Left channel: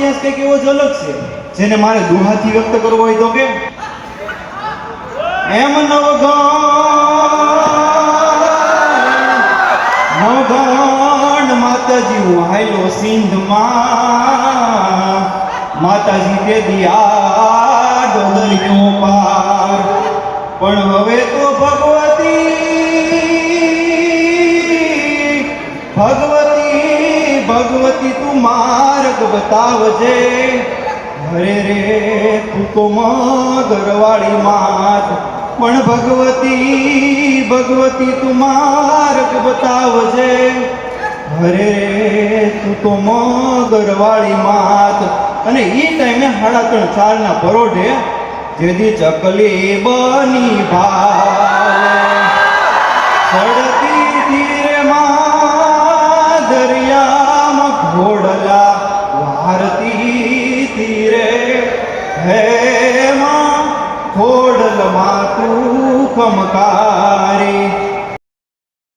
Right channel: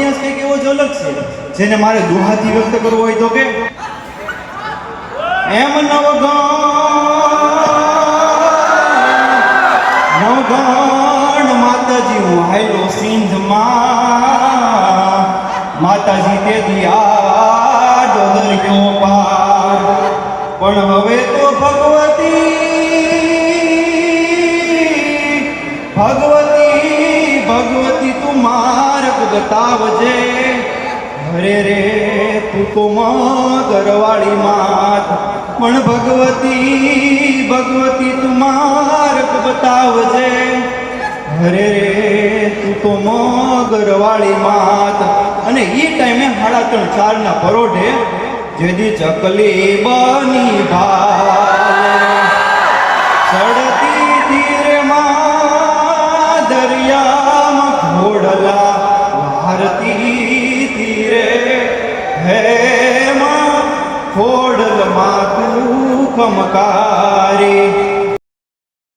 ઇતિહાસ કંઈક એવો જ અલગ છે જેને મારે દુહાથી વ્યક્ત કરવો હોય તો કે એમ નવગણ માતાજી હું હાલ્યો સિંધમાં માતાજી તે દિયા ડોદરિયો પાર પણ હવે તો ભગવતી તું માર્ગ બતાવજે હરે રે તું તો મગરવાળી માત પણ ભગવતી તું માર્ગ બતાવજે હરે રે તું તો મગરવાળી માત અને એ ટાઈમે 3:30-4 ના પરોઢે જેદી ચકલી બની ભાલે સડતી તીરેમાં દરિયામાં ઘોડલા વારતી તીરે હે માં ખોડલમાં તું ખમકારી